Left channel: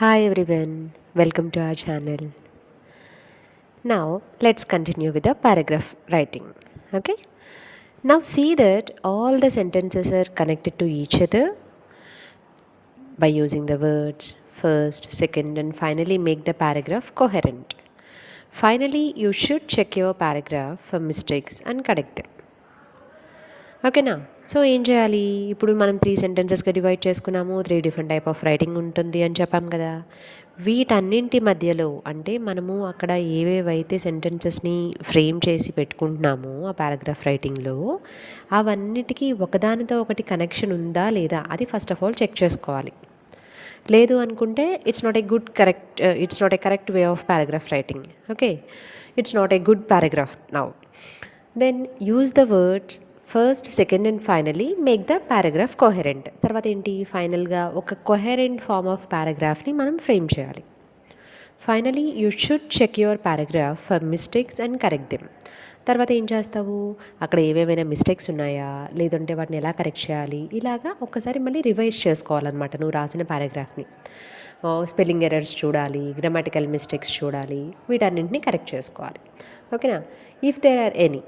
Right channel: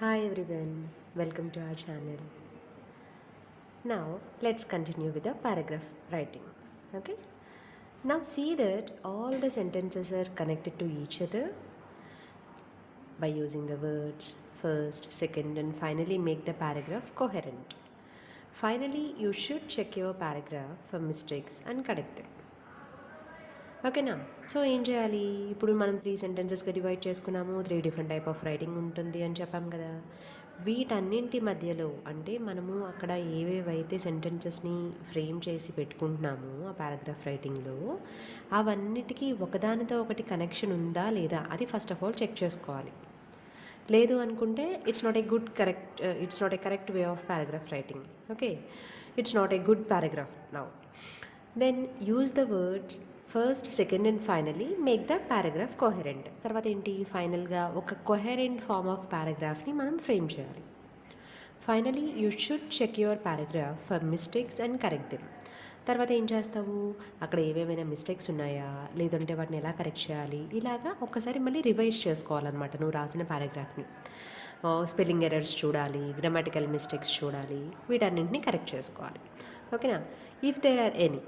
Hi everyone, welcome to our channel. Now let's continue with the paragraph writing. Okay, now see that all the sentences are connected to each other by using the words first, second, and finally make the paragraph coherent. Finally, you should check your paragraph for mistakes and correct them. ఓకేనా. So ఏం చేయాలి, ఇప్పుడు మనం 3 సెంటెన్సెస్గా divide చేసుకున్నాము, 3 different type of writing ఉంటుంది అని చెప్పాం కదా. వీటన్నింటి మధ్యలో అంటే మనము అక్కడ ఏవేవైతే సెంటెన్సెస్ని ఫ్రేమ్ చేసి పెట్టుకుంటున్నామో ఆ పారాగ్రాఫ్ రైటింగ్లో, అవన్నిటికీ ఒకదానితో ఒకటి కనెక్షన్ ఉందా లేదా అది ఫస్ట్ ఆఫ్ ఆల్ చెక్ చేసుకోవాలి. లేదు అనుకుంటే it's not a correct way of paragraph writing. Okay, it's not a good paragraph now. Then use the words first, second and finally make the paragraph coherent. తర్వాత ఏంటి, ఫైనల్గా ఒక coherent form of పారాగ్రాఫ్ని మనం frame చేయాలి. Finally you should check your paragraph for mistakes and correct them. తర్వాత ఏం చేస్తావు, అక్కడ ఏవేమైనా మిస్టేక్స్ ఉన్నాయా, లేదంటే వాటిని ఎలా కరెక్ట్ చేయాలి, ఇలాగా ఒక్కసారి మళ్ళీ రివైజ్ చేసుకోవాలన్నమాట నువ్వు రాసిన పారాగ్రాఫ్ని. స్పెల్లింగ్ ఎర్రర్స్ చూడాలి, గ్రామటికల్ మిస్టేక్స్ చూడాలి, వీటన్నింటినీ కరెక్ట్ చేసుకోవాలి. ఓకేనా. If there are any,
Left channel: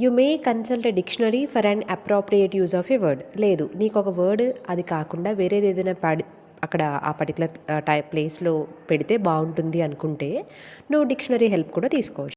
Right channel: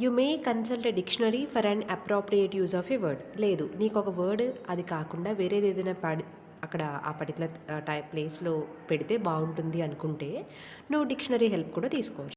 you may consult a dictionary for an appropriate use of a word. లేదు, నీకు ఒక వర్డ్ అది కాకుండా వేరేది ఏదైనా అక్కడ ఆ పర్టికులర్ ప్లేస్లో పెడితే బాగుంటుంది అనుకుంటే నువ్వు డిక్షనరీ హెల్ప్ కూడా తీసుకోవచ్చు.